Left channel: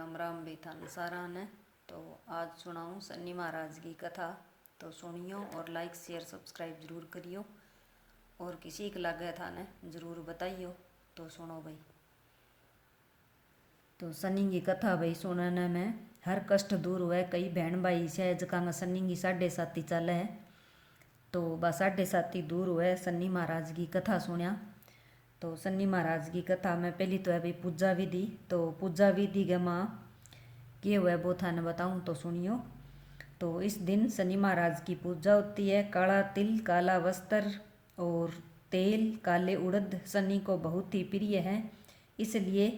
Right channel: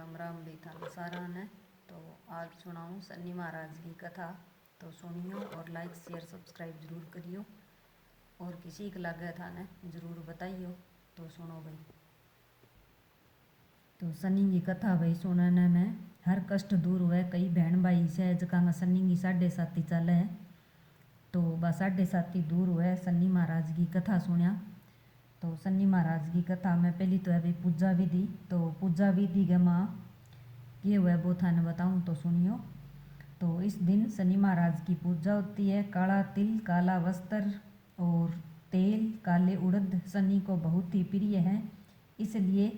राम राम भी था सारा ने। तो आज सुनाऊँ शनि महाराज की कथा। तो सुनियो और लाइक शेयर सब्सक्राइब जरूर करियो और किसी को लगे था ने जरूर बताइयो। तो सुनो भाई। तो शनि की कथा भाई सुनने में हर कष्ट दूर हुए। कई बहन भाई से जका शनि की 7.5 चले है तो बा 7.5 दूर हुए। शनि महाराज की कथा सुनिया। तो शनि महाराज की कथा में पहली तो है भाई पूजा विधि। तो पूजा विधि के माँ के हुआ वो थाने बताऊँ तो सुनियो। तो इस दिन शनि महाराज की पूजा होती है। काला तिल, काला वस्त्र और तेल, काले उड़द शनि को बहुत ही प्रिय है, इसलिए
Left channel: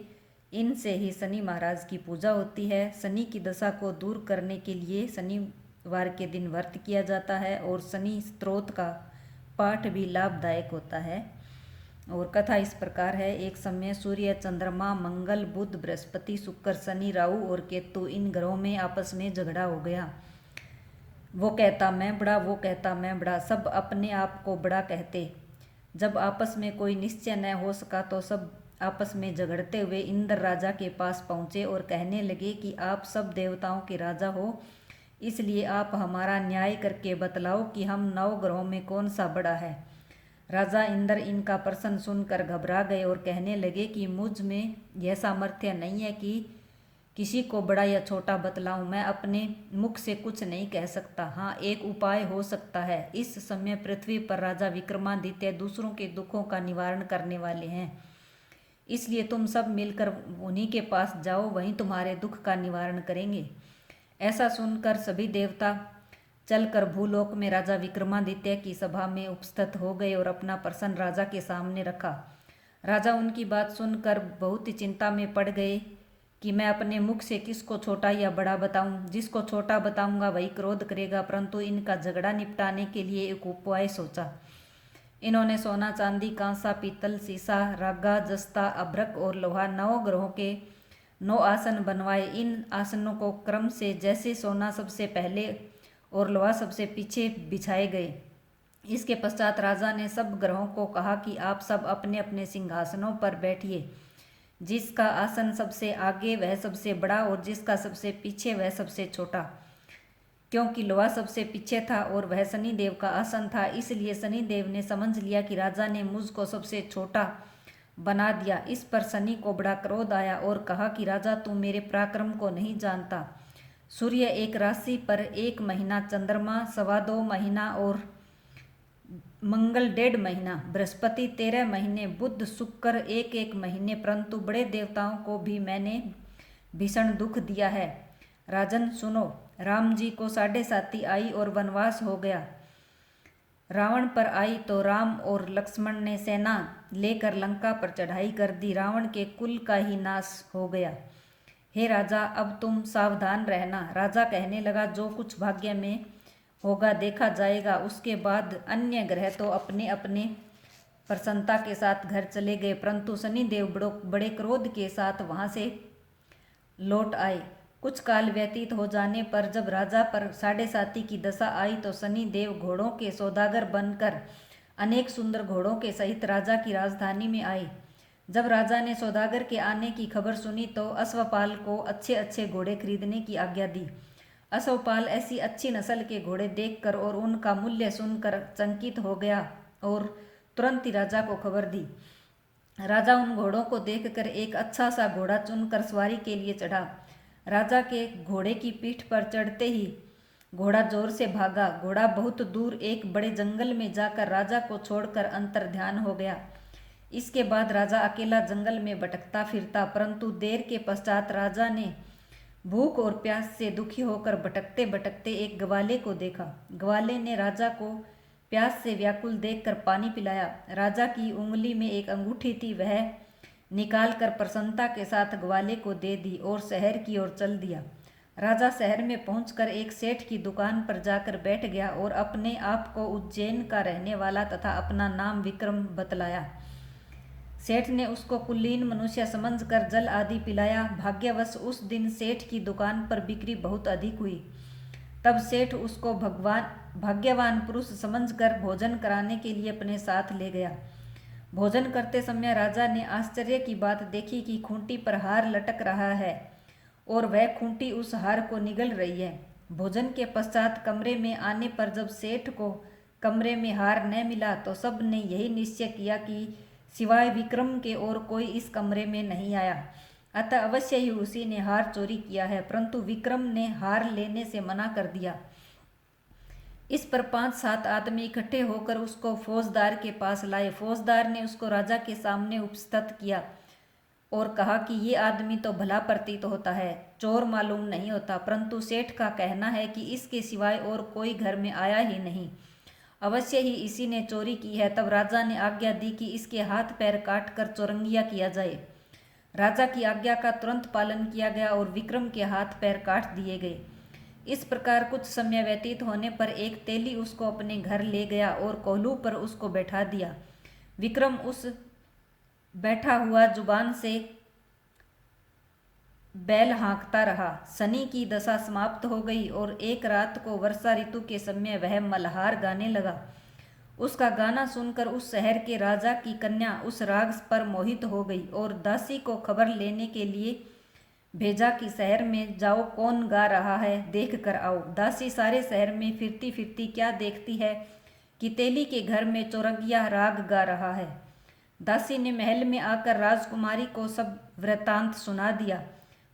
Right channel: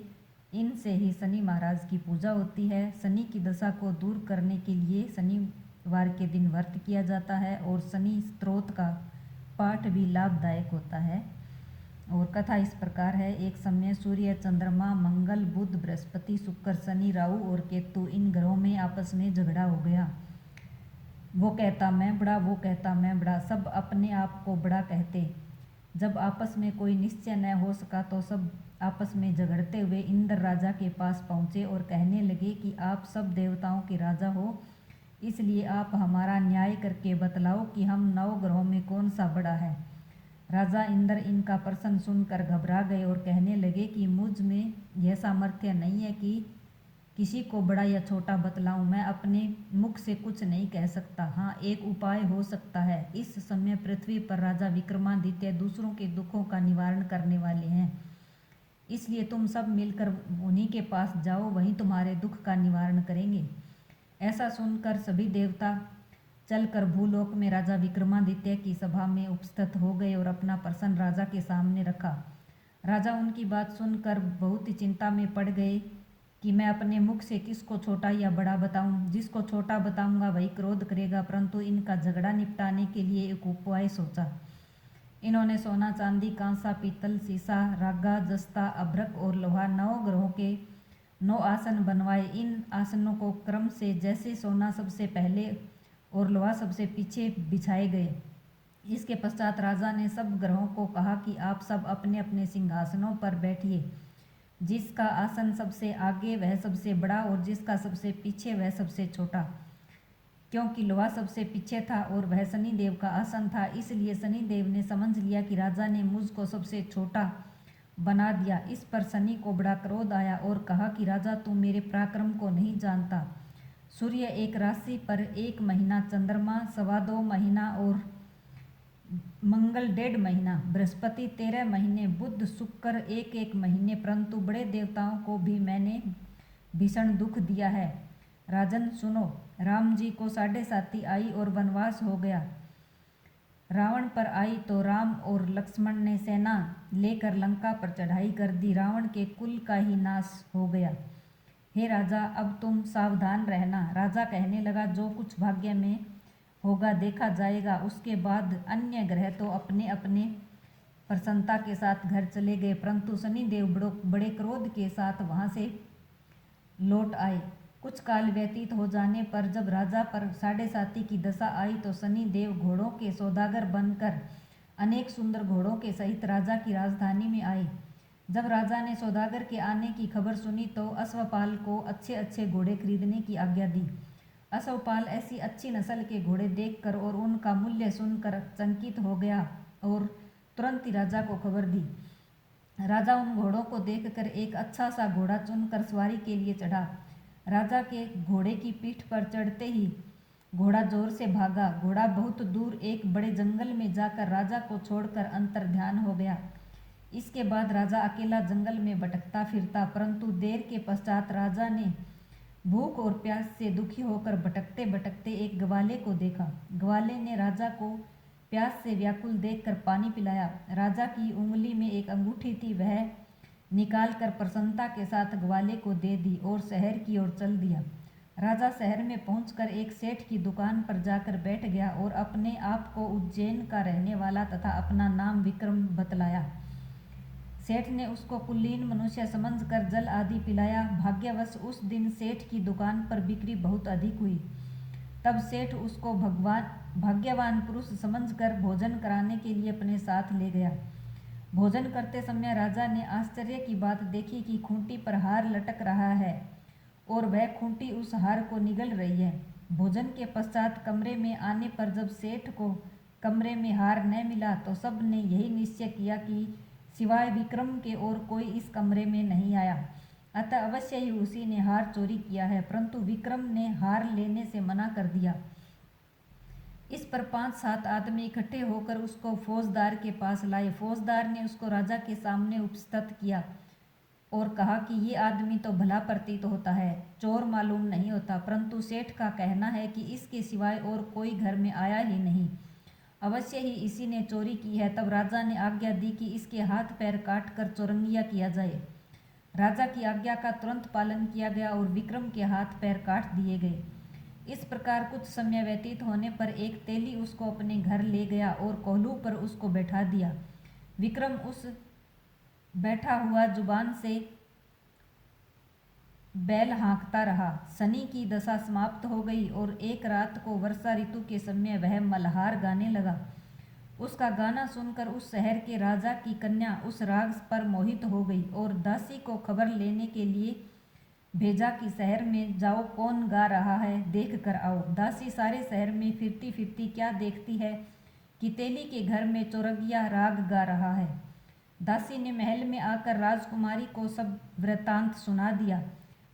इनसे ही शनि महाराज की पूजा होती है। शनि की दशा को दूर करने के लिए शनिवार के दिन व्रत किया जाता है और शनि स्तोत्र का पाठ भी लाभदायक होता है। और कथा इस प्रकार है। एक समय सूर्य, चंद्रमा, मंगल, बुध, बृहस्पति, शुक्र, शनि, राहु और केतु इन ग्रहों में आपस में झगड़ा हो गया। वो कहता मैं बड़ा, वो कहता मैं बड़ा, सब अपने आप को बड़ा कहते। जब आपस में कोई निश्चय न हो सका तो सब आपस में झगड़ते हुए इंद्र राजा के पास पहुँचे और कहने लगे कि आप सब देवताओं के राजा हो, इसलिए आप हमारा न्याय करके बतलाओ कि हम 9 ग्रहों में कौन सा बड़ा है। राजा इंद्र इनका प्रश्न सुनकर घबरा गए और कहने लगे कि मुझ में यह सामर्थ्य नहीं है कि किसी को बड़ा या छोटा बतलाऊं। मैं अपने मुख से कुछ नहीं कह सकता। हाँ, एक उपाय हो सकता है। इस समय पृथ्वी पर राजा विक्रमादित्य दूसरों के दुखों का निवारण करने वाले हैं, इसलिए तुम सब मिलकर उन्हीं के पास जाओ, वहीं तुम्हारे दुख का निवारण करेंगे। ऐसा सुनकर सभी देवता चलकर भूलोक में राजा विक्रमादित्य की सभा में उपस्थित हो गए और अपना प्रश्न राजा के सामने रखा। राजा उनकी बात सुनकर बहुत ही चिंता में पड़ गए कि मैं अपने मुख से किसको छोटा या बड़ा बताऊं। जिसको छोटा बताऊंगा वही क्रोध करेगा, परंतु इनका झगड़ा निपटाने के लिए एक उपाय सोचा। इन्होंने सोना, चांदी, कांसा, पीतल, सीसा, रागा, जस्ता, अभ्रक और लोहा 9 ग्रहों के 9 आसन बनवाए। इन आसनों को क्रम से जैसे सोना सबसे पहले और लोहा सबसे पीछे बिछाए गए। इसके पश्चात राजा ने सब ग्रहों को कहा कि आप सब अपने अपने सिंहासनों पर बैठिए। जिसका आसन सबसे आगे वह सबसे बड़ा और जिसका सबसे पीछे वह सबसे छोटा। क्योंकि लोहा सबसे पीछे था और वह शनिदेव का आसन था, इसलिए शनिदेव ने समझ लिया कि राजा ने मुझको सबसे छोटा बना दिया। इस पर शनि को बड़ा क्रोध आया और कहा कि राजा, तू मेरे पराक्रम को नहीं जानता। सूर्य एक राशि पर 1 महीना, चंद्रमा 2.25 महीना और मंगल 1.5 महीना, बृहस्पति 13 महीने, बुध शुक्र 1-1 महीने, परंतु बड़े देवताओं को भी मैंने भीषण दुख दिया है। राजन सुनो, राम जी को 7.5 आई और वनवास हो गया। रावण पर आई तो राम और लक्ष्मण ने सेना लेकर लंका पर चढ़ाई कर दी। रावण के कुल का ही नाश हो गया। हे राजा, अब तुम सावधान रहना। राजा कहने लगा, जो कुछ भाग्य में होगा देखा जाएगा। उसके बाद अन्य ग्रह तो अपने अपने प्रसन्नता के साथ घर चले गए, परंतु शनिदेव बड़े क्रोध के साथ वहां से लौट आए। कुछ काल व्यतीत हो जाने पर जब राजा पर 7.5 की दशा आई तो शनिदेव घोड़ों के सौदागर बनकर अनेक सुंदर घोड़ों के सहित राजा की राजधानी में आए। जब राजा ने सौदागर के आने की खबर सुनी तो अश्वपाल को अच्छे अच्छे घोड़े खरीदने की आज्ञा दी। अश्वपाल ऐसी अच्छी नस्ल के घोड़े देखकर और उनका मूल्य सुनकर चकित हो गया और तुरंत ही राजा को खबर दी। राजा उन घोड़ों को देखकर एक अच्छा सा घोड़ा चुनकर सवारी के लिए चढ़ा। राजा के घोड़े की पीठ पर चढ़ते ही घोड़ा जोर से भागा। घोड़ा बहुत दूर एक बड़े जंगल में जाकर राजा को छोड़कर अंतर्ध्यान हो गया। इसके बाद राजा अकेला जंगल में भटकता फिरता, परंतु देर के पश्चात राजा ने भूख और प्यास से दुखी होकर भटकते भटकते एक ग्वाले को देखा। ग्वाले ने राजा को प्यास से व्याकुल देखकर पानी पिलाया। राजा की उंगली में एक अंगूठी थी, वह निकालकर प्रसन्नता के साथ ग्वाले को दे दी और शहर की ओर चल दिया। राजा शहर में पहुंचकर एक सेठ की दुकान पर जाकर बैठ गया और अपने आप को उज्जैन का रहने वाला तथा अपना नाम विक्रम बतलाया। सेठ ने उसको कुलीन मनुष्य समझकर जल आदि पिलाया। भाग्यवश उस दिन सेठ की दुकान पर बिक्री बहुत अधिक हुई। तब सेठ उसको भाग्यवान पुरुष समझकर भोजन कराने के लिए अपने साथ ले गया। भोजन करते समय राजा ने आश्चर्य की बात देखी कि खूंटी पर हार लटक रहा है और वह खूंटी उस हार को निगल रही है। भोजन के पश्चात कमरे में आने पर जब सेठ को कमरे में हार न मिला तो सब ने यही निश्चय किया कि सिवाय विक्रम के और कोई इस कमरे में नहीं आया, अतः अवश्य ही उसी ने हार चोरी किया है। परंतु विक्रम ने हार लेने से मना कर दिया। इस पर 5-7 आदमी इकट्ठे होकर उसको फौजदार के पास लाए। फौजदार ने उसको राजा के सामने उपस्थित किया और कहा कि ये आदमी तो भला प्रतीत होता है, चोर मालूम नहीं होता, परंतु सेठ का कहना है कि इसके सिवाय और कोई घर में आया ही नहीं, अवश्य ही इसी ने चोरी की है। तब राजा ने आज्ञा दी कि इसके हाथ पैर काट कर चौरंगिया किया जाए। राजा की आज्ञा का तुरंत पालन किया गया और विक्रम के हाथ पैर काट दिए गए। इस प्रकार कुछ समय व्यतीत होने पर एक तेली उसको अपने घर ले गया और कोल्हू पर उसको बैठा दिया। विक्रम उस बैठा हुआ जुबान से बैल हाँकता रहा। शनि की दशा समाप्त हो गई और एक रात को वर्षा ऋतु के समय वह मल्हार गाने लगा। उसका गाना सुनकर उस शहर के राजा की कन्या उस राग पर मोहित हो गई और दासी को खबर लेने के लिए भेजा कि शहर में जाओ, कौन गा रहा है देख कर आओ। दासी सारे शहर में फिरती फिरती क्या देखती है कि तेली के घर में चौरंगिया राग गा रहा है। दासी ने महल में आकर राजकुमारी को सब वृत्तांत सुना दिया।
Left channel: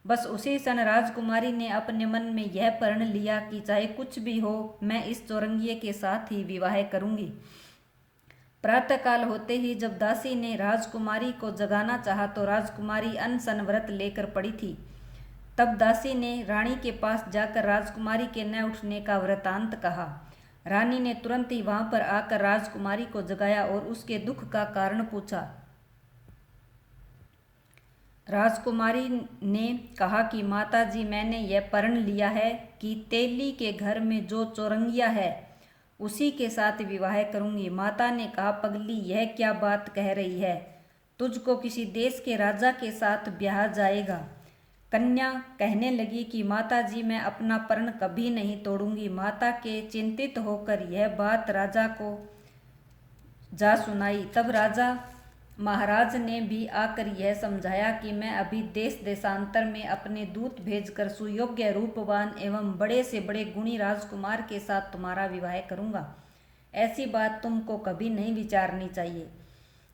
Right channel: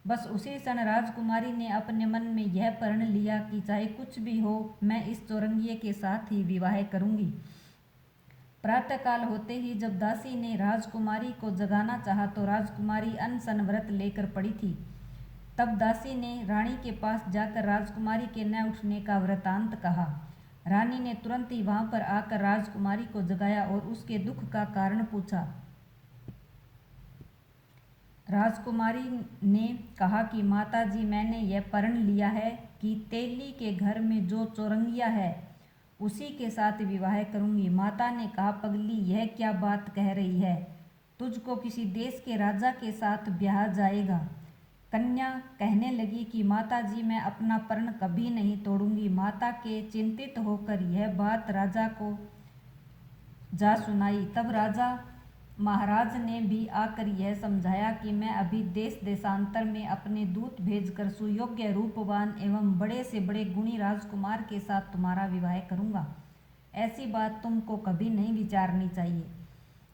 बस उसी क्षण राजकुमारी ने अपने मन में यह प्रण लिया कि चाहे कुछ भी हो, मैं इस चौरंगिये के साथ ही विवाह करूंगी। प्रातःकाल होते ही जब दासी ने राजकुमारी को जगाना चाहा तो राजकुमारी अनशन व्रत लेकर पड़ी थी। तब दासी ने रानी के पास जाकर राजकुमारी के न उठने का वृतांत कहा। रानी ने तुरंत ही वहां पर आकर राजकुमारी को जगाया और उसके दुख का कारण पूछा। राजकुमारी ने कहा कि माता जी, मैंने यह प्रण लिया है कि तेली के घर में जो चौरंगिया है उसी के साथ विवाह करूंगी। माता ने कहा, पगली, यह क्या बात कह रही है? तुझको किसी देश के राजा के साथ ब्याह जाएगा। कन्या कहने लगी कि माता जी, मैं अपना प्रण कभी नहीं तोड़ूंगी। माता के चिंतित होकर यह बात राजा को जा सुनाई। तब राजा महाराज ने भी आकर यह समझाया कि मैं अभी देश देशांतर में अपने दूत भेजकर सुयोग्य, रूपवान एवं बड़े से बड़े गुणी राजकुमार के साथ तुम्हारा विवाह करूंगा। ऐसी बात तुमको कभी नहीं विचारनी चाहिए।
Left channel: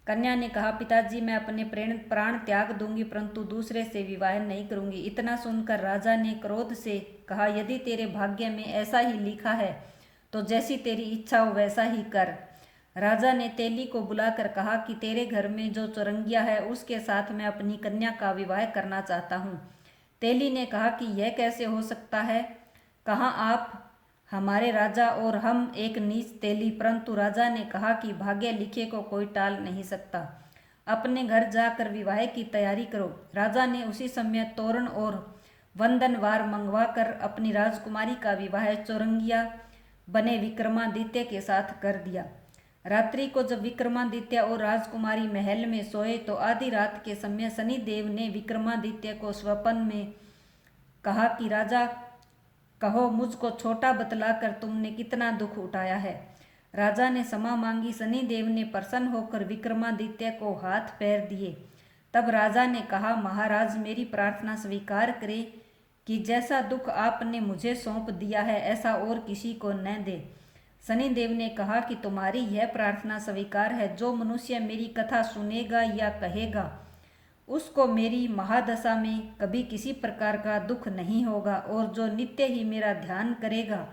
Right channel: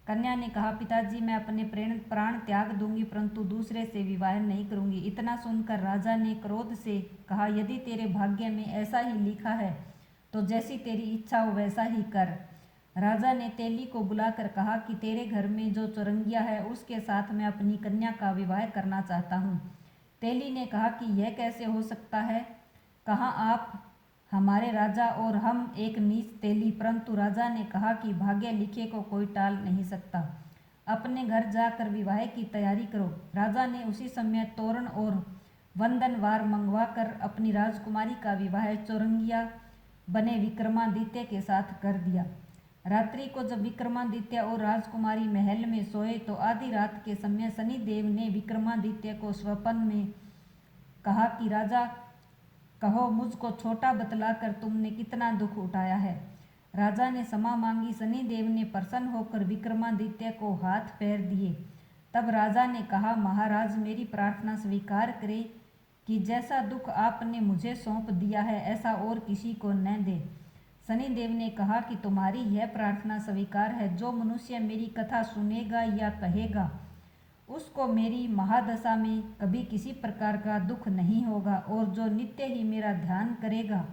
कन्या ने कहा, पिताजी, मैं अपने प्राण त्याग दूंगी, परंतु दूसरे से विवाह नहीं करूंगी। इतना सुनकर राजा ने क्रोध से कहा, यदि तेरे भाग्य में ऐसा ही लिखा है तो जैसी तेरी इच्छा हो वैसा ही कर। राजा ने तेली को बुलाकर कहा कि तेरे घर में जो चौरंगिया है उसके साथ मैं अपनी कन्या का विवाह करना चाहता हूँ। तेली ने कहा कि यह कैसे हो सकता है? कहाँ आप हमारे राजा और हम एक नीच तेली। परंतु राजा ने कहा कि भाग्य लिखे को कोई टाल नहीं सकता, अपने घर जाकर विवाह की तैयारी करो। राजा ने उसी समय तोरण और वंदनवार मंगवाकर अपनी राजकुमारी का विवाह चौरंगिया बने विक्रमादित्य के साथ कर दिया। रात्रि को जब विक्रमादित्य और राजकुमारी महल में सोए तो आधी रात के समय शनिदेव ने विक्रमादित्य को स्वप्न में कहा कि राजा, कहो मुझको छोटा बतलाकर तुमने कितना दुख उठाया है। राजा ने क्षमा मांगी। शनिदेव ने प्रसन्न होकर विक्रमादित्य को हाथ पैर दिए। तब राजा ने कहा, महाराज, मेरी प्रार्थना स्वीकार करें कि जैसा दुख आपने मुझे सौंप दिया है ऐसा और किसी को न दे। शनिदेव ने कहा कि तुम्हारी यह प्रार्थना स्वीकार है। जो मनुष्य मेरी कथा सुनेगा या कहेगा उसको मेरी महादशा में कभी किसी प्रकार का दुख नहीं होगा, और जो नित्य ही मेरा ध्यान करेगा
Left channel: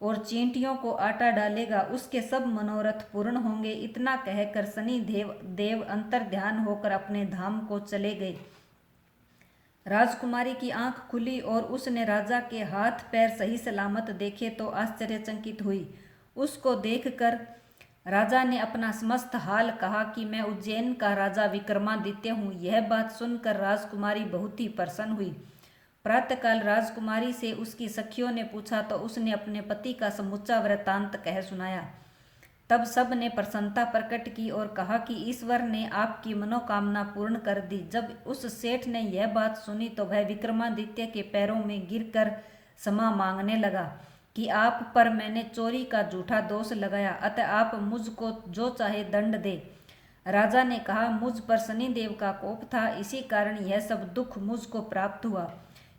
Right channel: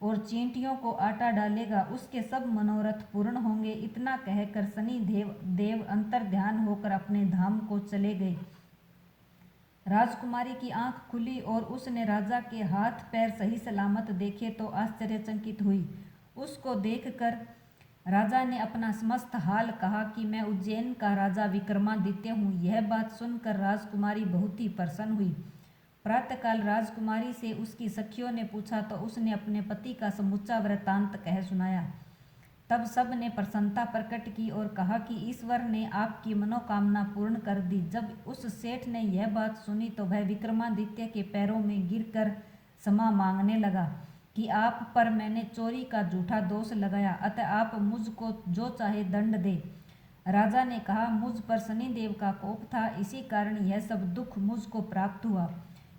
और चींटियों को आटा डालेगा उसके सब मनोरथ पूर्ण होंगे। इतना कहकर शनिदेव अंतर ध्यान होकर अपने धाम को चले गए। राजकुमारी की आंख खुली और उसने राजा के हाथ पैर सही सलामत देखे तो आश्चर्यचकित हुई। उसको देखकर राजा ने अपना समस्त हाल कहा कि मैं उज्जैन का राजा विक्रमादित्य हूँ। यह बात सुनकर राजकुमारी बहुत ही प्रसन्न हुई। प्रातःकाल राजकुमारी से उसकी सखियों ने पूछा तो उसने अपने पति का समूचा वृत्तांत कह सुनाया। तब सब ने प्रसन्नता प्रकट की और कहा कि ईश्वर ने आपकी मनोकामना पूर्ण कर दी। जब उस सेठ ने यह बात सुनी तो वह विक्रमादित्य के पैरों में गिरकर क्षमा मांगने लगा कि आप पर मैंने चोरी का झूठा दोष लगाया, अतः आप मुझको जो चाहे दंड दे। राजा ने कहा, मुझ पर शनिदेव का कोप था, इसी कारण यह सब दुख मुझको प्राप्त हुआ।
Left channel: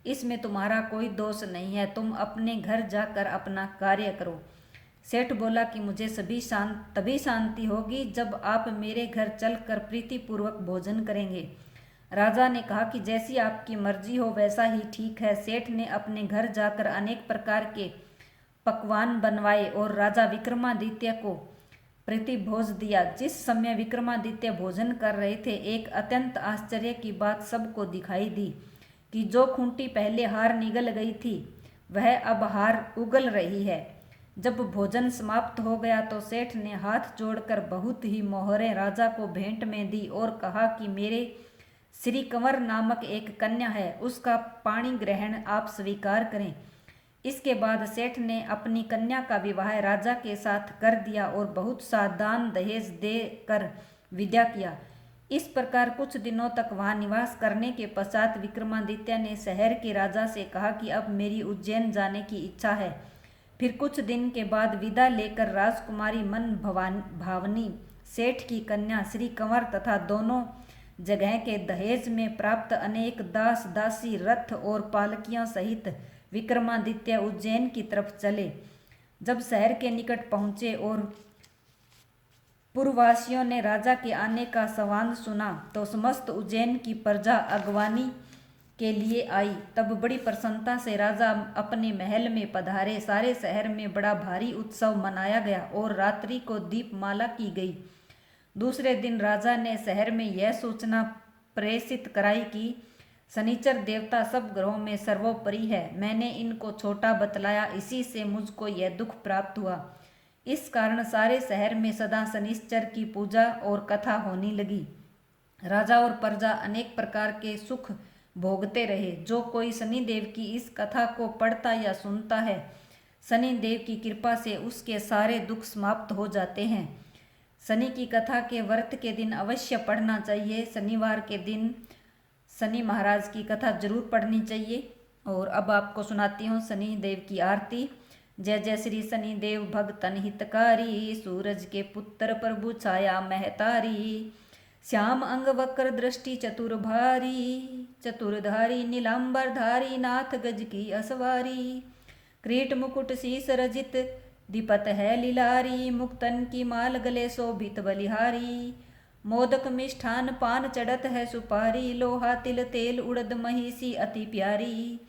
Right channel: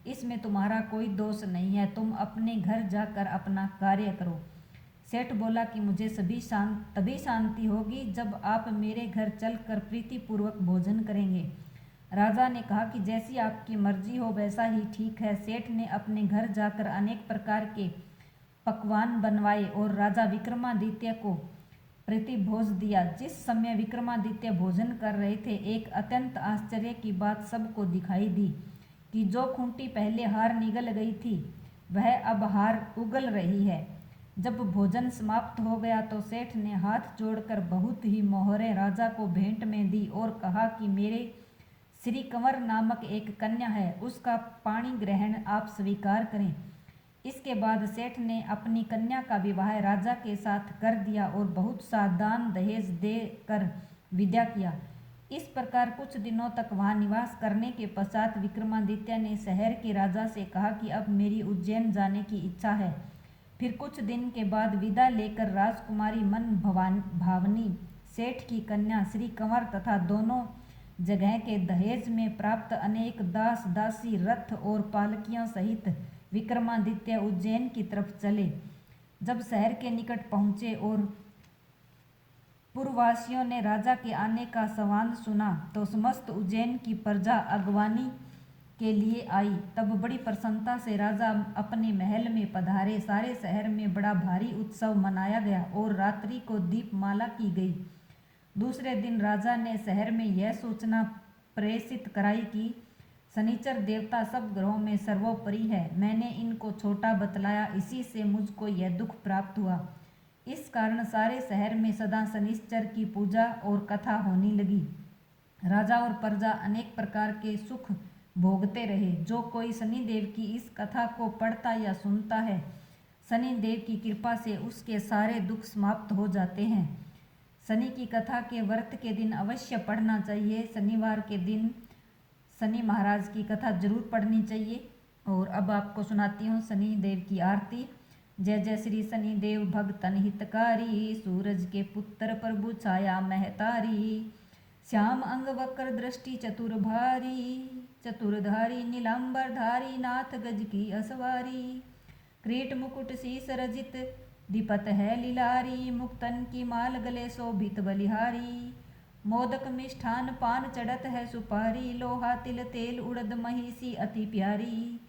इसमें तुम्हारा कोई दोष नहीं है, तुम अपने घर जाकर अपना कार्य करो। सेठ बोला कि मुझे तभी शांति होगी जब आप मेरे घर चलकर प्रीतिपूर्वक भोजन करेंगे। राजा ने कहा कि जैसी आपकी मर्जी हो वैसा ही ठीक है। सेठ ने अपने घर जाकर अनेक प्रकार के पकवान बनवाए और राजा विक्रमादित्य को प्रतिभोज दिया। जिस समय विक्रमादित्य भोजन कर रहे थे, एक अत्यंत आश्चर्य की बात सबको दिखाई दी कि जो खूंटी पहले हार निगल गई थी वह अब हार उगल रही है। जब भोजन समाप्त हो गया तो सेठ ने हाथ जोड़कर बहुत ही मोहरें राजा को भेंट में दी और कहा कि मेरे श्री कंवर नामक एक कन्या है, उसका पाणी ग्रहण आप स्वीकार करें। इसके बाद सेठ ने अपनी कन्या का विवाह राजा के साथ कर दिया और बहुत सा दान दहेज देकर विदा किया। इस प्रकार कुछ दिनों तक वहां निवास करने के पश्चात विक्रमादित्य ने शहर के राजा से कहा कि अब मेरी उज्जैन जाने की इच्छा है। फिर कुछ दिन के बाद विदा लेकर राजकुमारी मन भावनी सेठ की कन्या श्री कंवर तथा दोनों जगह के दहेज में प्राप्त अनेक दास दासी रथ और पालकियों सहित विक्रमादित्य उज्जैन की तरफ चले। जब शहर के निकट पहुंचे और पूर्ववासियों ने राजा के आने का संवाद सुना तो समस्त उज्जैन की प्रजा अगवानी के लिए आई। तब बड़ी प्रसन्नता से राजा अपने महल में पधारे। सारे शहर में बड़ा भारी उत्सव मनाया गया और रात्रि को दीपमाला की गई। दूसरे दिन राजा ने शहर में यह सूचना प्रेषित कराई कि शनिचर देवता सब ग्रहों में सर्वोपरि है। मैंने इनको छोटा बतलाया, इसी से मुझको यह दुख प्राप्त हुआ। इस कारण सारे शहर में सदा शनिश्चर की पूजा और कथा होने लगी। राजा और प्रजा अनेक प्रकार के सुख भोगते रहे। जो कोई शनिदेव की इस कथा को पढ़ता या सुनता है, शनिदेव की कृपा से उसके सारे दुख समाप्त हो जाते हैं। शनि की कथा के व्रत के दिन अवश्य पढ़ना चाहिए। शनिवार के दिन शनि महाराज की कथा जरूर पढ़नी चाहिए। और अब आपको सुनाती हूँ शनिदेव की आरती। जय जय श्री शनिदेव भगतन हितकारी, सूरज के पुत्र प्रभु छाया महतारी, श्याम अंग वक्र दृष्टि चतुरधारी, नीलांबरधारी नाथ गज की असवारी, क्रीट मुकुट शीस रजित दीपत है लीलारी, मुक्तन की माल गले शोभित बलिहारी, मोदक मिष्ठान पान चढ़त है सुपारी, लोहा तिल तेल उड़द महिषी अति प्यारी,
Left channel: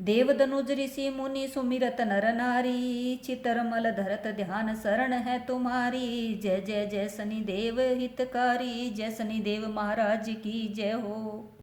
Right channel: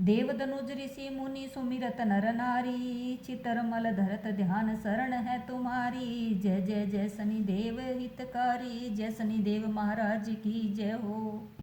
देव दनुज ऋषि मुनि सुमिरत नर नारी, चितर मल धरत ध्यान शरण है तुम्हारी। जय जय जय शनिदेव हितकारी, जय शनिदेव महाराज की जय हो।